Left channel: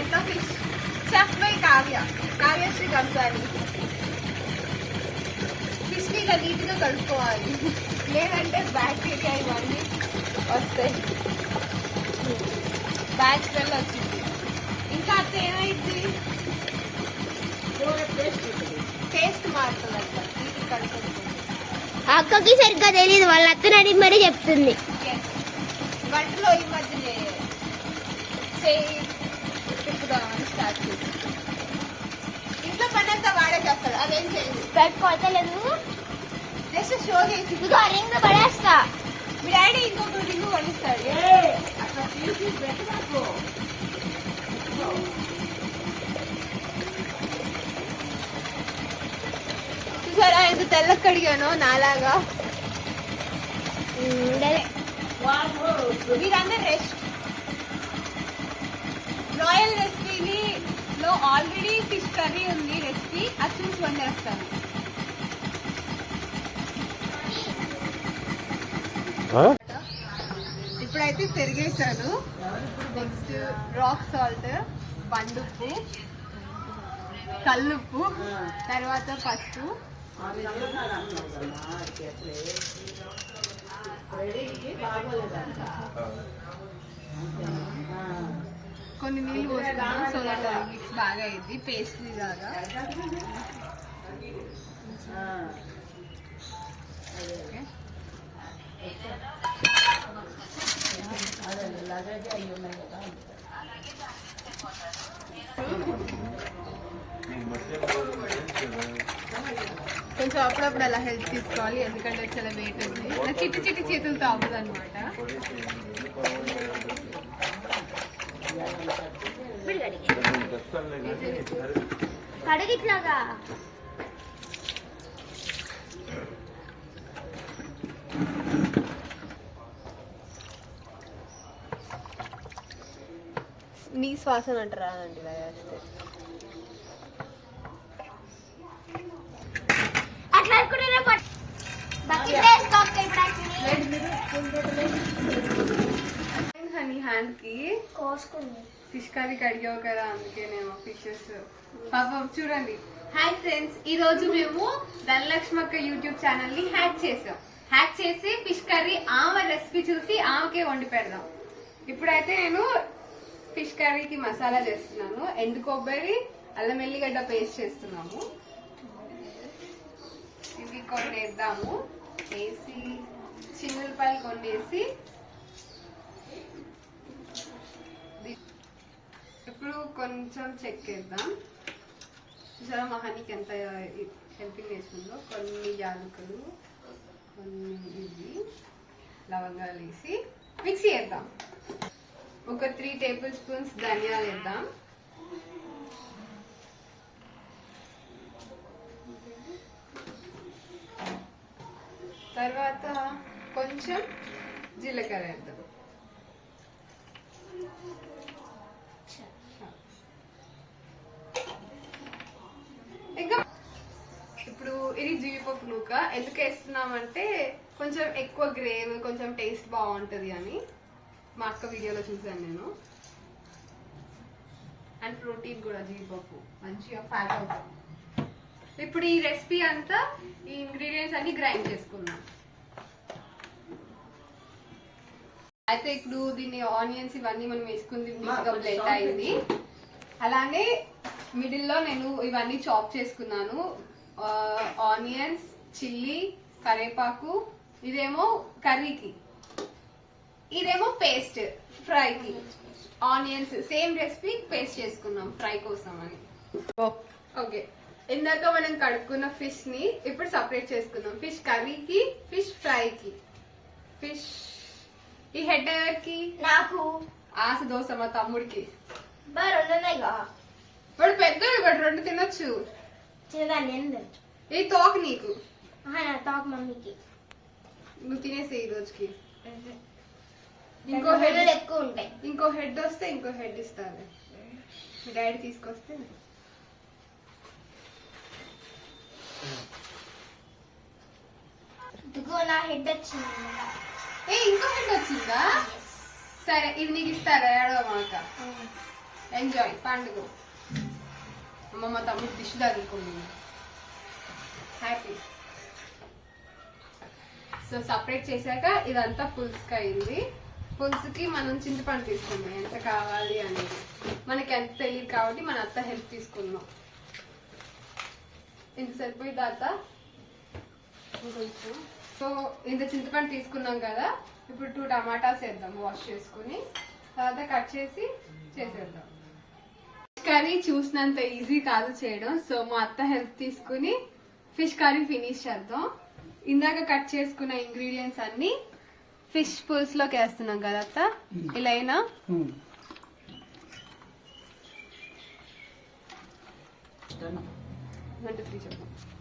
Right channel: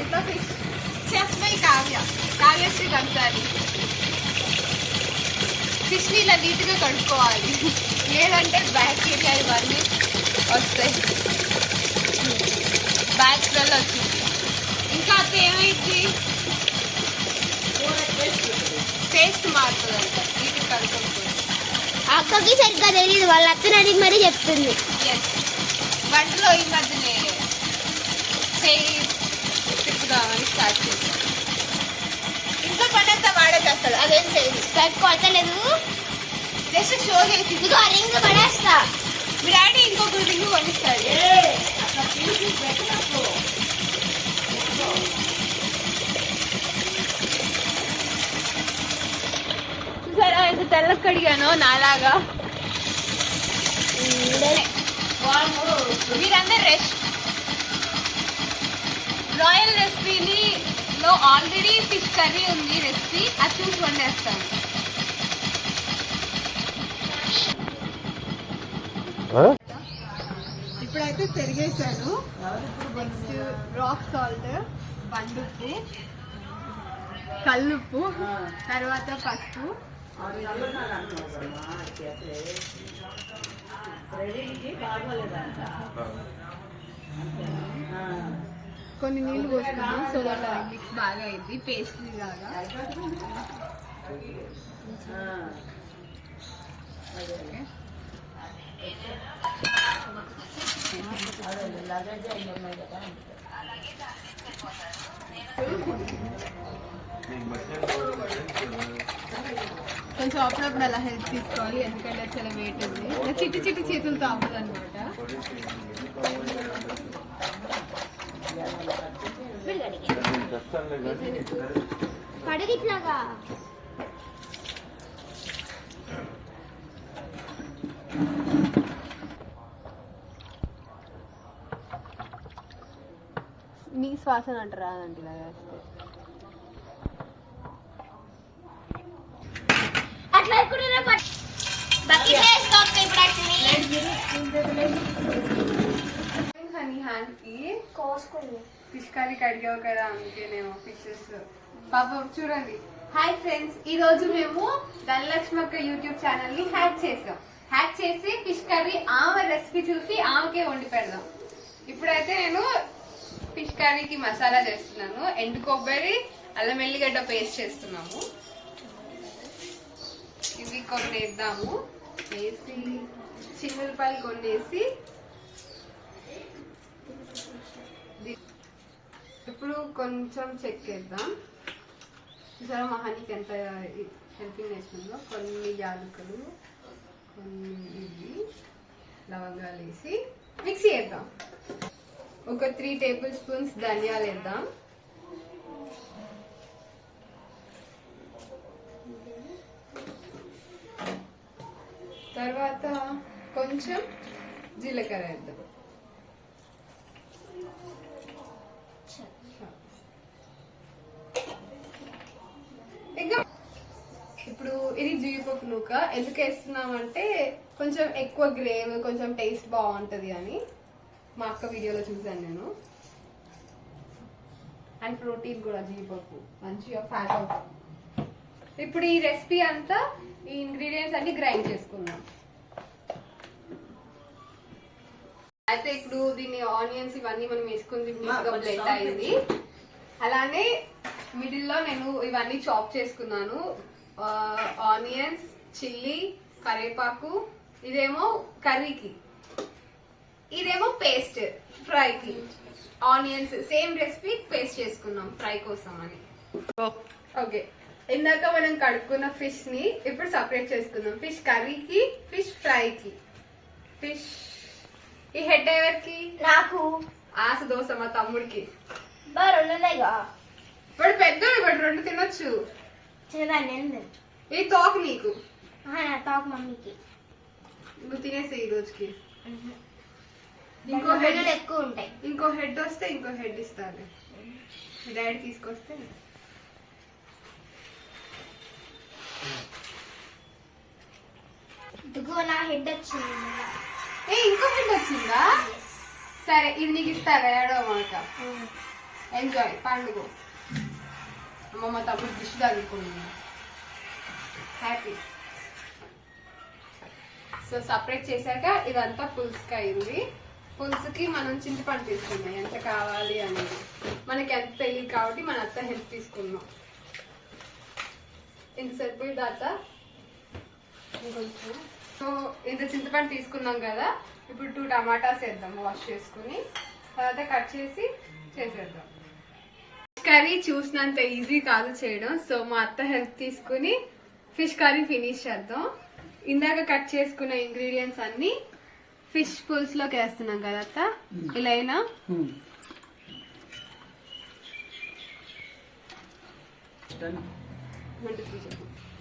ఇంట్లో fish chef by Kavyasri కంసాలి. ఫిష్ని ఇలా నీట్గా కడుక్కోవాలి, లేదంటే బ్యాక్టీరియా ఇవన్నీ వస్తాయి. బ్యాక్ స్మెల్ వచ్చింది. ఇంకా అక్క ఏమైంది, టేస్ట్ మారుతుంది అంట నీట్గా కడుక్కోకపోతే. అక్కకి సరిగ్గా తెలియదు, వాళ్ళ అత్తని అడిగి మరీ చెప్తుంది. ఎస్, వంటలో ఈ మధ్యనే తిప్పుదామని స్టార్ట్ చేస్తాను. ఇంట్లో పని అంతా వాడే చేస్తాడు, అదేం చేయదు. కొట్టలేదు, జస్ట్ షో చేసి ఇదిగో రింగ్ పడేస్తా. మీ డాడీ ఇంకొక రింగ్ కొనిస్తాడు. చూసారా ఎంత తెల్ల కడిగానో నాలాగా. మీరందరూ రాయల్ రెసిపీలో ఆల్రెడీ ఫిష్ కర్రీ ఉంది రెసిపీ, అది చూసి వండేస్తాను. ఇప్పుడైతే తిరిగేసాను. నెక్స్ట్ రాక్ సాల్ట్, బండుప్పు, కల్లుప్పు, తర్వాత పసుపు, కొన్ని నీళ్ళు పోసుకున్నాం. సో దట్ మిక్స్ బాగా అయింది, పేస్ట్ లాగా. కొంచెం అప్పుడప్పుడు అలా హెల్ప్ తీసుకోవాలి, ఎందుకంటే చాలా వెయిట్ ఉంది. చిట్టి చిట్టి చేతులతో అవ్వదు అనమాట. పడగిట్లాగా నీ శ్వాసన అంటారా అంటే ఇలా చేస్తే అట్లా హనీ హ్యాండ్ కి కోసుకుంది. ఫిష్ కర్రీ కడిగావు కదా, అందుకేనేమో ఫిషెస్ పాపం. చూడండి, హాయ్ ఫ్రెండ్స్, ఈ రోజు మేము ధనలక్ష్మక్క యూట్యూబ్ ఛానల్ ని హ్యాక్ చేసాం. హ్యాక్ చేసి ఫిష్ కర్రీ ఆమె రెసిపీ చూసి ఆమెకే వండి పెడదాం. ఇప్పుడైతే నేను ఫిష్ కర్రీకి మసాలా చేస్తున్నాను. ఎండు కొబ్బరి, అల్లం ఎల్లిగడ్డ పేస్ట్ చేస్తున్నాము. ఇవి కొన్ని వేద్దాము, వేసి చిన్నులపాయలు కొన్ని వేసి ఇప్పుడు కొంచెం చెక్ వేద్దాం. చూసారా మహానికి ఎంత హెల్పింగ్ వేస్తుందో. కొన్ని యాలకులు, కొన్ని ఇవి లవంగాలు వేసి మిక్సీ వేద్దాం. ఒక 3 టేబుల్ స్పూన్స్ ధనియాలు వేద్దాం. తర్వాత కొంచెం జీలకర్ర వేద్దాం. ఇంకా ఇప్పుడు ఇది జీడిపప్పు నూక. ఎందుకు వేస్తున్నామంటే కొంచెం ఎక్కువ గ్రేవ్, కొంచెం టేస్ట్ బాగుంటది అని మా అక్క వీడియోలో చూసాను నేను. అండ్ ప్రోటీన్ కూడా జీడిపప్పు మంచిగా ఫ్యాట్ అవుతుంది. ఇప్పుడు ఈ రెసిపీ అంతా ఈ ఇంగ్రీడియంట్స్ అన్ని గ్రైండ్ చేసుకున్నాం. అయితే ఇప్పుడు దీన్ని ఆనియన్స్ ఇవన్నీ మనం వేసుకుంది నీట్గా బ్లెండ్ అయింది. అలానే మిడిల్ లో నేను ఇవన్నీ చాప్ చేసుకున్నాను. ఆనియన్స్, చిల్లీ, కరివేపాకు, ఇదేమో కర్రీకి, ఇదేమో పేస్ట్ ఫ్రైకి. ఆనియన్స్ సేమ్ రెసిపీ పేస్ట్ చేసుకున్నాం ఫ్రై కోసం అని. ఓకే, ఇందాక మనం కడుక్కున్న ఫిష్ ని ఇప్పుడు సపరేట్ చేసుకుందాం. ఫిష్ కర్రీకి, ఫిష్ ఫ్రైకి. ఫిష్ ఈ హెడ్ ఎవరికి? నాకు. ఆశ దోశ మా తమ్ముడికి. రెండున్నాయిగా, వాడు పెద్దోడు, వాడు 2 తినొచ్చు. చిన్నదాన్ని ఈ తోక నీకు, తోక మమ్మీకి. నువ్వు తినేసే ఈ రోజుకి. ఇంకో హెడ్ ఎక్కువ ఉంటాయి. ఇంకో హెడ్ వస్తే ఇంకో హెడ్ ఇస్తాను. మీ డాడీ తీసుకొస్తే. ఇదిగో నా హెడ్ వచ్చింది. ఇంకో హెడ్ వచ్చిందా? సరే, ఇది నీకు ఇస్తారా? ఏడవ మాట ఎంజాయ్ పండుగ. అమ్మమ్మ తమ్ముడు డిష్ తగ్గుకుంది. హ్యాపీ. సో సపరేట్ చేశాక ఇదంతా పులుసుకి అయింది. పులుసుకి మనం చింతపండు తీసుకున్నాం ఎంత కావాలి అనేది. మనకి ఎంత తెలియదు కాబట్టి మన అత్త హెల్ప్ తీసుకున్నాం. ఇంత సరిపోయి అత్త ఇంకొంచెం. సో ఇంత చింతపండు తీసుకున్నాం కదా, ఇప్పుడు 2 టమాటాస్ వేద్దాం వాష్ చేసుకుని. తర్వాత కట్ చేసి చేసేద్దాం. కర్రీ చూసినంత ఈజీ కాదు చేయడం. సో మా అత్త హెల్ప్ తీసుకుని ఫిష్ కర్రీ ఫినిష్ చేద్దాం. ఇందాక కట్ చేసుకున్న ఇంగ్రీడియంట్స్ అన్ని ఫిష్ పులుసులోకి వేస్తున్నాం కదా అత్త. ఇలా అయినా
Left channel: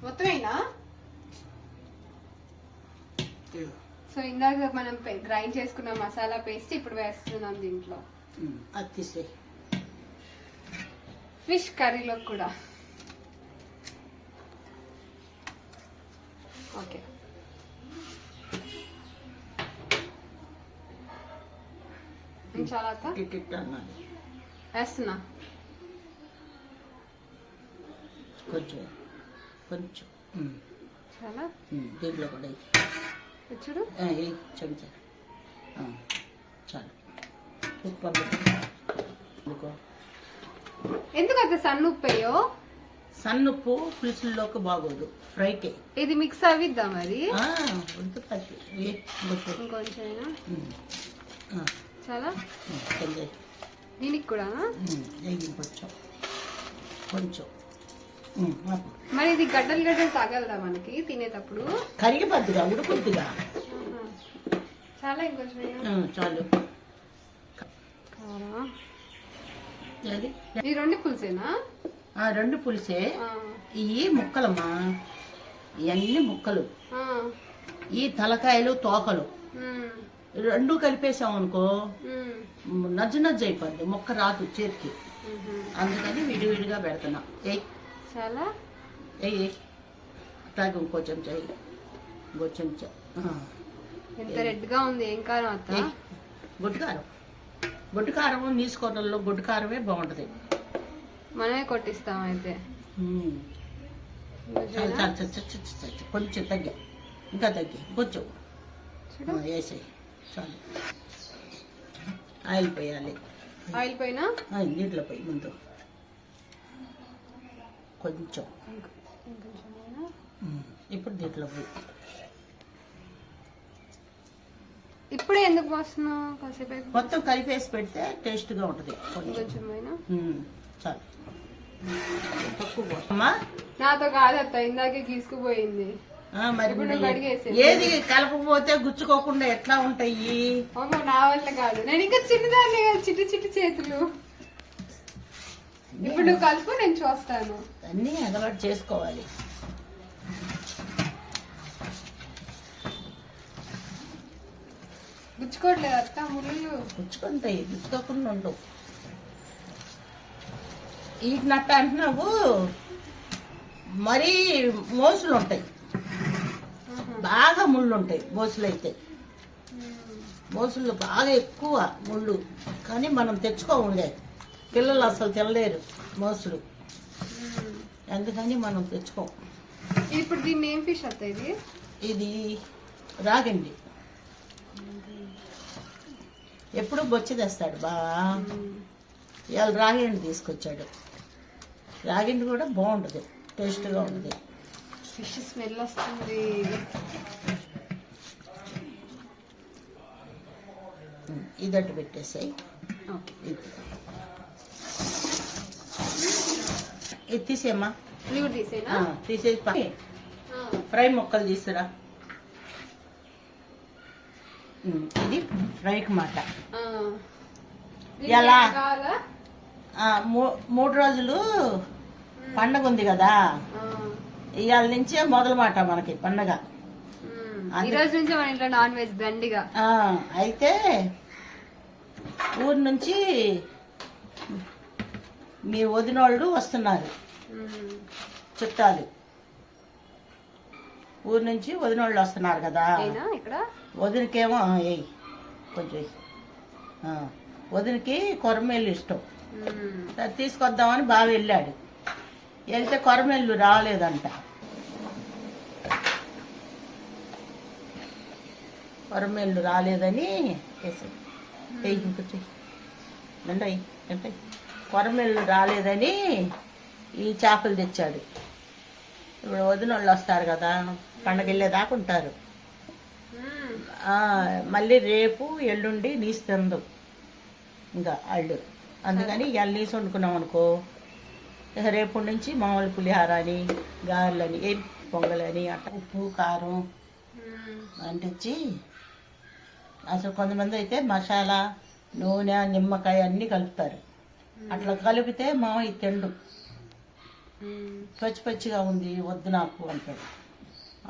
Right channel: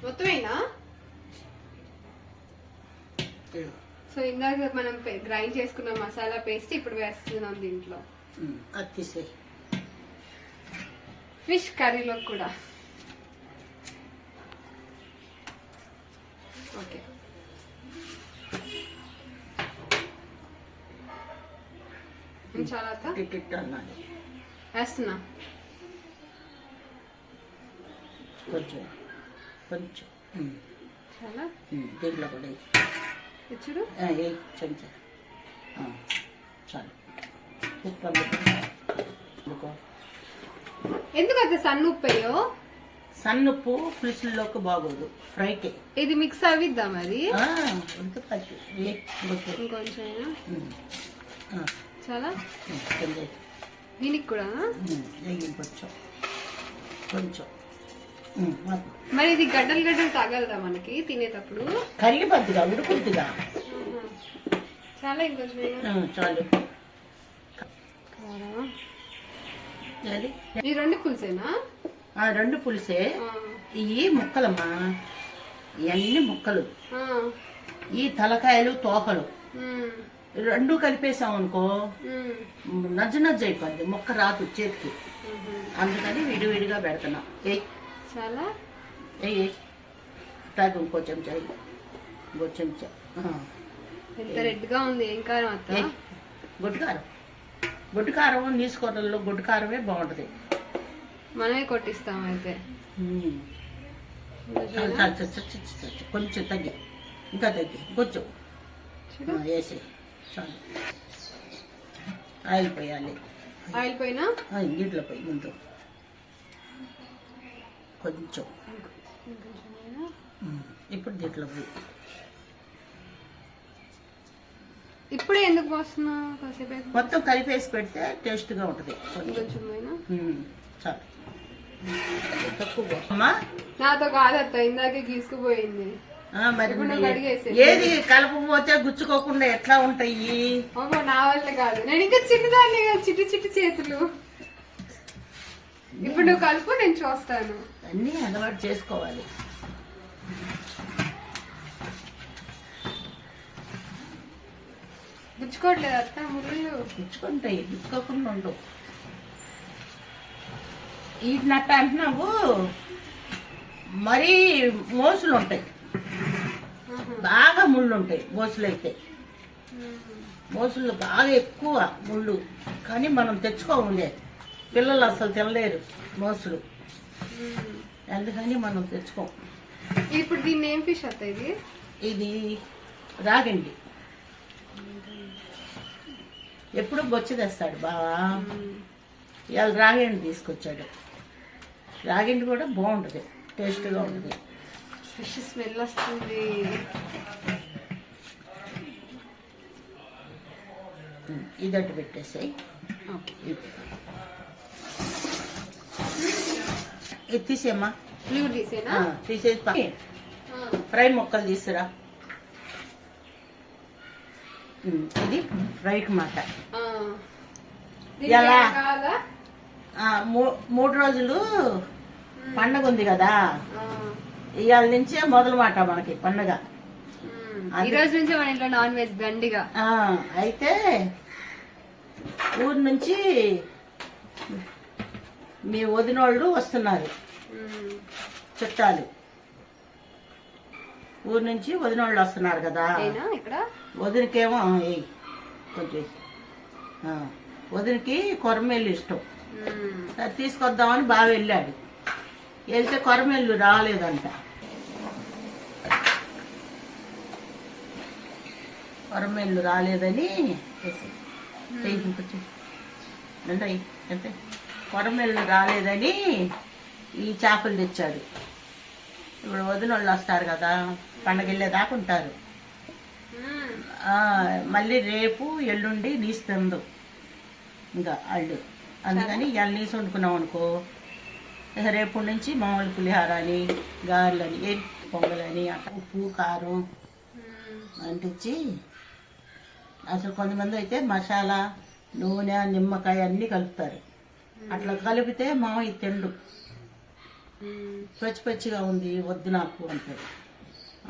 మొత్తమైనా. సో ఇందాక మనం గ్రైండ్ చేసుకున్న మసాలా పేస్ట్ ఇప్పుడు వేస్తున్నాం దీంట్లో. ఫిష్ కర్రీలో కూడా. ఓకే, చాలా వేస్తున్నా. కొంచెం కొంచెం చాలా దీంట్లో కూడా చూడు చెంచా చాలు. ఎందుకు అంత సన్న ఉప్పు అయ్యో? సన్నుప్పు పులుసుల్లోకి బాగోదు, ఫ్రైకే. ఇది మిక్స్ అవిద్దాం అది. ఇంకొంచెం చాలా దీనికి కూడా కొంచెం కొంచెం. మరి ఇది గడ్డలు గడ్డలు తగలదా మనకి తినేటప్పుడు? కరిగిపోద్దిగా, ఉడుకుద్దిగా. చాలా ఇంకొంచెం చాలు. ఈ 2 పులుసేనా? 2 పులుసే. ఇవి ముక్కలమ్మా, ఇవన్నీ ముక్కలు. ఈ తలకాయలు తోకలు 2 కలిపేసాం అనుకో నజ్జు నజ్జు అయిపోద్ది, ముక్క రాదు చేతికి. అందుకని విడివిడిగా పెడుతున్నా. చాలా తాగి ఇంకో చెంచా, ఇంకో చెంచా. ఎంత రెడ్ గా ఉంది. ఏం కారం అత్త? గొడ్డు కారం. గొడ్డు కారం నీసుకోవడంలో గొడ్డు కారమే బాగుంటది. మనమే కొట్టిస్తాం అయితే. కొంచెం తగ్గి, ఇంకా తగ్గి కొంచెం వేసి చాలు. ఆయిల్ పోయాలి. ఆయిల్ పోయినా నీటిలో పోయి ముందు కొంచెం. ఇప్పుడు దీంట్లో పోయి. ఇప్పుడే ఎందుకు పోస్తున్నావు? కాసేపు మొత్తం కలిపేసి పెడితే టేస్ట్ గా ఉంటది. కొంచెం పోయినా చాలు. తక్కువ అమ్మా, నాతో కాదత్త, ఇందాకే తీసుకుపోయింది. ఏది కలపకపోతే గుచ్చుకోకుండా ఎట్లా ఉంటాయి? అమ్మో నా వల్ల కాదు, నేను ఇంకా చిన్నదాన్ని, చిట్టి చిట్టి చేతులు. ఇప్పుడు నువ్వు కలుపు, నేను చూస్తాను. అన్నీ అలవాటు చేసుకోవాలి. గుచ్చుకోవట్లేదు అత్త, ముళ్ళు గుచ్చుకుంటాయి, గుచ్చుకోకుండా ఉండవు. వీటి నట్ట అంటున్నావు, మరీ మోసులు ఉంటాయి, బాగా ముళ్ళు ఉంటాయి. మోసులు అయితే మోసులు బాగా ఎక్కువ ముళ్ళు, కానీ మనం తెచ్చుకోముందే. పిల్లలు అసలు తినలేరు మోసులు, అందుకని మనం తెచ్చుకోం. ఇప్పుడు దీన్ని ఏం ఫిష్ అత్త? ఇది రాగండి. ఎప్పుడు బొచ్చి తెస్తాడు బాగా. ఇవాళ రాగండి తీసుకొచ్చాడు. రాగండి కూడా బాగుంటుంది, టేస్ట్గా ఉంటుంది. ఫిష్ స్మెల్ వస్తుంది. ఇదట్టు పెట్టేసాయి. ఇది తీసేమ్మా, తీసేసి ఫ్రై ముక్కలు తీసురా. ఇది ఫ్రైకి మాట. ఎలా 3 రోజులు పండగ ఉంది కదా, ఇవాళ నుంచే మొదలు మాట మనకి పండగ. ఈ రోజు నుంచి మన ఇంట్లో నాన్ వెజ్ దండిగా. అయితే ఊరు నుంచి మీ వదినోళ్ళు వస్తున్నారు, చుట్టాలు. ఊరు నుంచి వదినోళ్ళు వస్తున్నారు కదా. ఇక్కడ వదినకేమో కొంచెం వదినకి కొరమేళ్ళు ఇష్టం. అది తీసుకొద్దామని బాగా వెళ్ళాడు. వెళ్తే కొరమెల్లు రాలేదంట. కొరమెల్లు రాలేదని కొరమెల్లు రాలేదని ఈ చేపలు తెచ్చాడు. ఇప్పుడు వదిన వాళ్ళు వస్తారు కదా, పండగ వెళ్ళేదాకా ఉంటారు. మళ్ళీ రేపు ఎల్లుండి నీసు తిందు ఇంకా వాళ్ళు. అందుకని ఇవాళ నీసు వండుకున్నాం అనుకో, రేపు నుంచి మామూలు పులిహార అని, గారెలని, పొంగలని, ఉప్పు కారం అంటించి, అసలు కొంతమంది అయితే మసాలా, నూనె, నిమ్మకాయ అన్నీ కలుపుతారు. అట్లా కలిపితే మామయ్య తిండు. పచ్చి పచ్చిగా ఉంది వద్దు నాకు అంటాడు.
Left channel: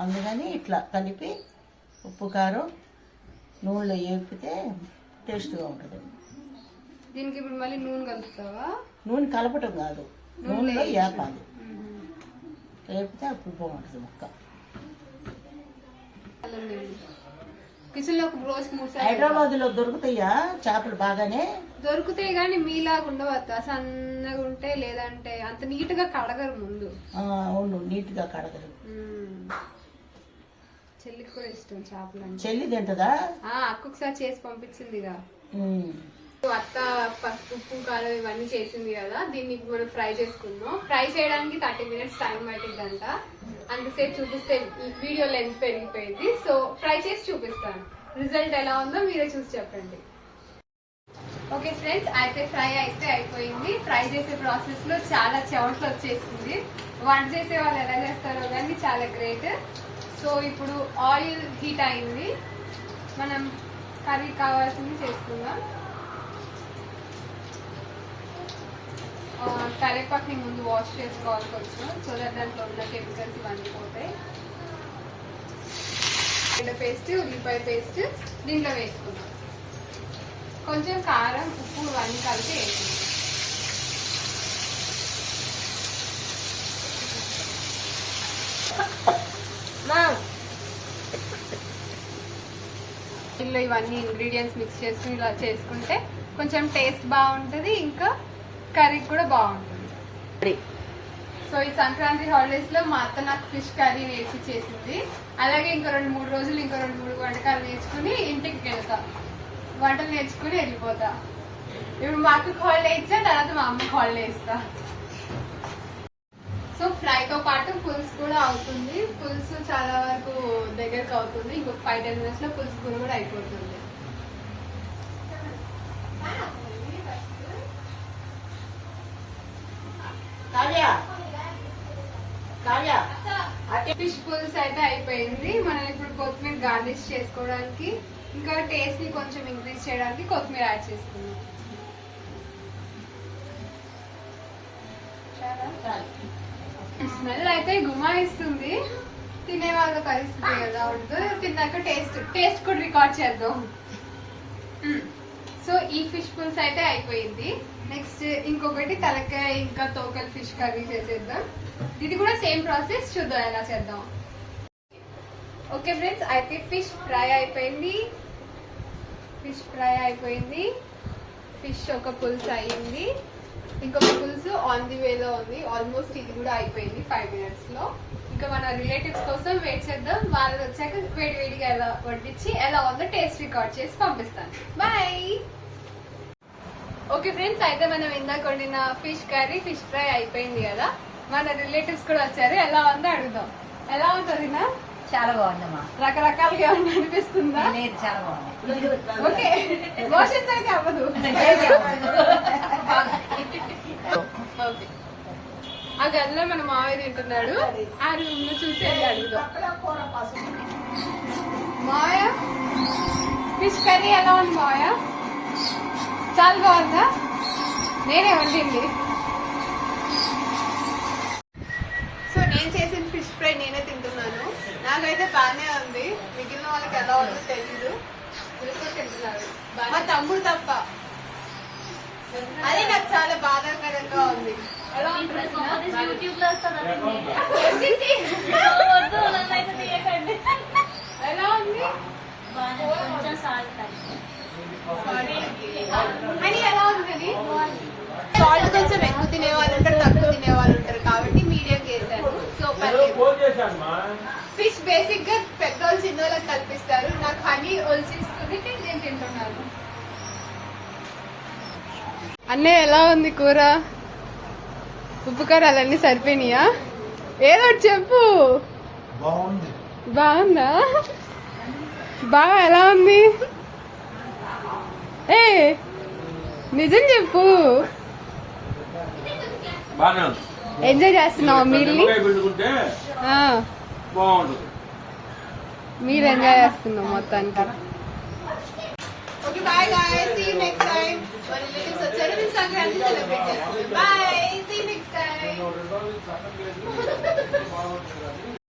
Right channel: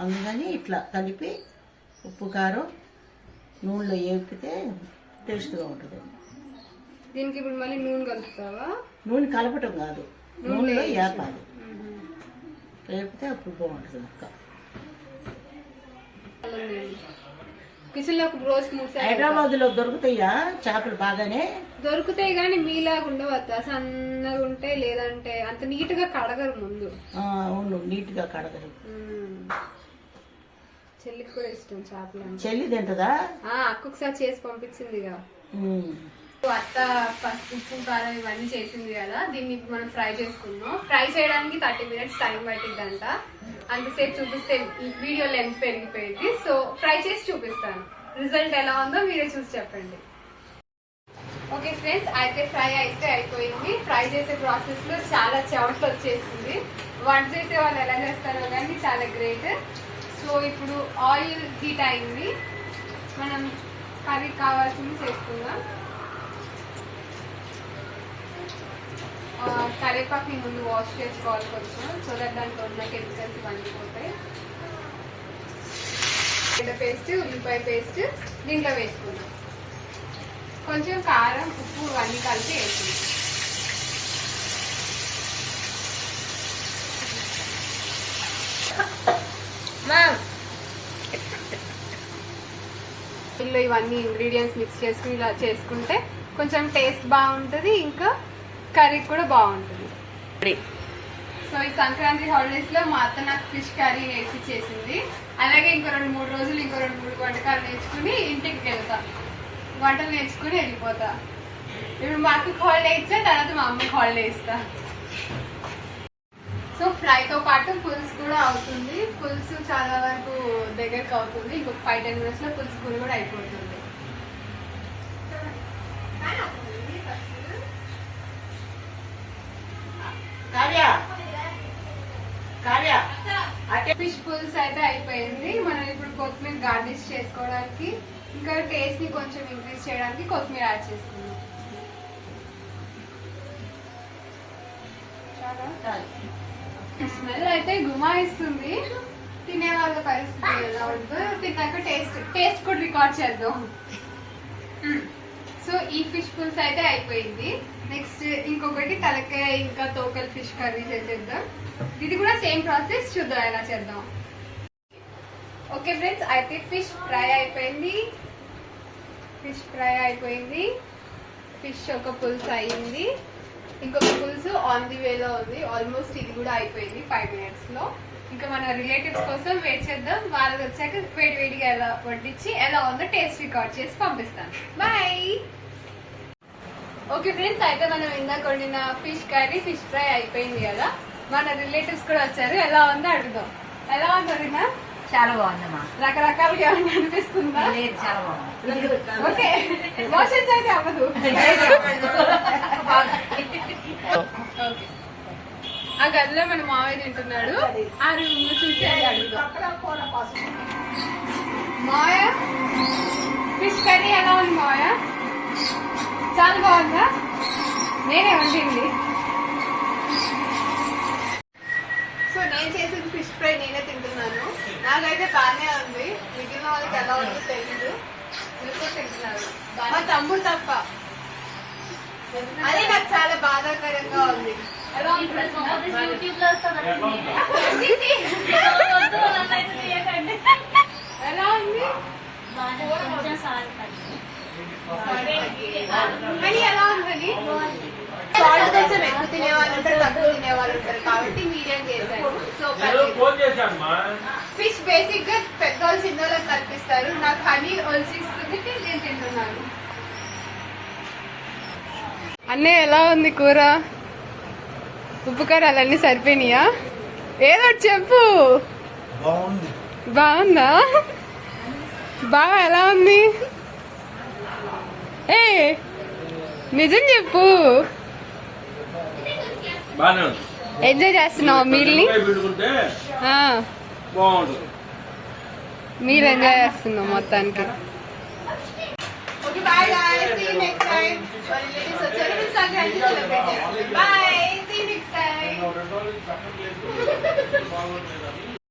అందుకని ఇట్లా కలిపి ఉప్పు కారం నూనెలో వేపితే టేస్ట్గా ఉంటుంది. దీనికి ఇప్పుడు మళ్ళీ నూనె కలుపుతావా? నూనె కలపటం కాదు, నూనెలో వేపాలి. వేపితే అప్పుడు బాగుంటుంది ముక్క. కిచెన్లో రోజుకి 3 సార్లు. హైదరాబాద్ లో దొరుకుతాయా చేపలు? బాగానే దొరుకుతాయి కానీ మీలాగా ఉండవద్దా, సన్నగా ఉంటే, లేదంటే అంత నీట్ గా కడగరు ముందు. అవును, నీట్ గా కడగరు. చెల్లికి కూడా ఇష్టం చేపలు అంటే. చెల్లి తింటదా? అక్కొకసారి చేసి పంపించిందిగా. అత్త పసుపు, ఉప్పు, కారం ఇవన్నీ చేసింది కదా. దీన్ని ఇప్పుడు మనం ఫ్రై చేసుకుందాం. ఫ్రై చేయడానికి 30 minutes టైం పట్టిద్దంట. అంతసేపు చూపిస్తే వీడియో లెంత్ పెరిగిపోయింది. సో ఫ్రై చేసి చూపిస్తాను. రిజల్ట్ ఎలా ఉందో మీరే చూసి చెప్పండి. ఓకే ఫ్రెండ్స్, అయితే ఫ్రై అయితే అయిపోయింది. ఫ్రై చేసే ప్రాసెస్ లో చాలా చెమటలు వచ్చేసింది. వంట చేసే వాళ్ళు ఎలా చేస్తారో కానీ చాలా గ్రేట్. సో ఇప్పుడు ఆయిల్ హీట్ అయింది. మనం కర్రీ కావాల్సింది చేసుకుందాం. కరివేపాకుని ముందు వాష్ చేసుకోవాలి కొంచెం, సో దట్ దాంట్లో ఉన్న కెమికల్స్ ఇవన్నీ పోతాయి. పేస్ట్, ఉల్లిపాయ పేస్ట్ దీంట్లో వేసుకుందాం. కొంచెం కారం, ఉప్పు ఇవన్నీ కలిపి వేసుకుందాం. ఇందులో ఇవన్నీ ఇంగ్రీడియంట్స్ మిక్స్ చేసుకుని ఇలా చేసుకుంటే కొంచెం టేస్ట్ బాగుంటుంది, ఇంకా కర్రీ కూడా బాగుంటుంది. సో ఈ సంక్రాంతి హాలిడేస్ లో మా అత్త నాకు ఫిష్ కర్రీ నేర్చి చేసింది. అలాగే ఇంకా 2-3 రోజులు ఇంకో 2-3 వంటకాలు నేర్చుకుని ఇంటికి వెళ్తా, వంటలు నేర్చుకుని వెళ్ళిపోతా. ఇప్పుడు మా అక్కకి హాలిడే ఇచ్చా, తర్వాత మా అమ్మకి హాలిడే ఇస్తా. సో ఫ్రై తో పాటు పులుసు కూడా అవుతుంది. పులుసు చాలా వరకు దగ్గరకు అవుతుంది. ఇంకొక 5-10 minutes లో పులుసు కూర కూడా అయిపోతుంది. ఫిష్ పులుసు అయితే అయిపోయింది. మనం ఇప్పుడు కొత్తిమీర గార్నిష్ చేసుకోవడానికి, ఇంకా టేస్ట్ ని కొంచెం ఇంక్రీజ్ చేయడానికి కొత్తిమీర యాడ్ చేసుకున్నాం. స్మెల్ అయితే గుమాయిస్తుంది. తినే వాళ్ళ పరిస్థితి ఎలా ఉంటుందో తిన్నాక టేస్ట్ కూడా రికార్డ్ చేద్దాం. సో ఈ ఫిష్ పులుసు అయితే అయిపోయింది. నెక్స్ట్ ఇంకొకటి తలకాయ ఇంకా తోకల్ ఫిష్ కర్రీ చేసేద్దాం. ఇది కూడా సేమ్ ప్రాసెస్, చూద్దాం ఎలా చేద్దాం. ఓకే ఫ్రెండ్స్, అయితే ఫిష్ ఫ్రై అయిపోయింది. ఫిష్ ఒక పులుసు అయ్యింది. ఇంకొక పులుసు ఆన్ ది వేలో ఉంది. ఆల్మోస్ట్ ఇది కూడా అయిపోయింది 5 minutes లో. ఇంకా మన రిలేటివ్స్ కోసం వెయిట్ చేద్దాం. వాళ్ళు వచ్చాక వేడిగా ఎలా వడ్డించి ఎలా ఉందో టేస్ట్ రికార్డ్ చేసి పంపిస్తాను. బాయ్. ఓకే ఫ్రెండ్స్, అయితే మనం ఇందాక వండిన ఫిష్ కర్రీ, ఫిష్ ఫ్రై అయిపోయింది కదా. మన రిలేటివ్స్ కూడా వచ్చారు. ఎలా ఉందో అడుగుదాం. ఎలా ఉంటుంది? చాలా బాగుందమ్మా. రకరకాలుగా ఏమైనా అనిపిస్తుందా? లేదు, చాలా బాగుంది. ఓకే, మోషన్స్ అయితే అవ్వదు. ఓకే, ఆ గదిలో మన మామయ్య తింటున్నాడు. ఆ రూమ్ లో చూసి అడుగుదాం. మామయ్య, ఫిష్ కర్రీ ఎలా ఉంది మామయ్య? చాలా బాగుందా? నేనే వండింది. సో నేను చేసిన ఫిష్ ఫ్రై నేనే తింటున్నాను. నాకైతే బాగానే ఉంది. మిగిలిన వాళ్ళకి ఎలా ఉందో తెలీదు. తింటున్నారు మా తమ్ముడు తప్ప. అది నాకు చాలా బాధాకరంగా ఉంది. ఎలా ఉంటుంది? ఎలా ఉంది? మరి ఎలా ఉంటుంది? సాల్ట్ కొంచెం ఎక్కువ తినే వాళ్ళు ఉంటారు, తక్కువ తినే వాళ్ళు ఉంటారు కాబట్టి మీడియం చేశాను. సో ఫిష్ బేసిక్ గా పెద్దవాళ్ళు చిన్న వాళ్ళకి కల్పిస్తారు. నాకు హనీ ఒలిసిస్తుంది, నేను తింటున్నాను. అన్నయ్య ఎలా ఉంది కూర? ఉప్పు కారాలన్నీ సరిపోయినాయా? ఏదో ఒకటి చెప్పు. బాగుందా? బాగా ఎలా ఉంది? ఏ నిజం చెప్పు. ఎంజాయ్ చేస్తున్నావు మీల్ ని? మీరు ఎంజాయ్ చేస్తున్నావు మొత్తానికి. Okay bye guys, see you next time. Relatives వచ్చారు, మీరు సంక్రాంతి సెలబ్రేట్ చేస్తారు. Bye, see you next time.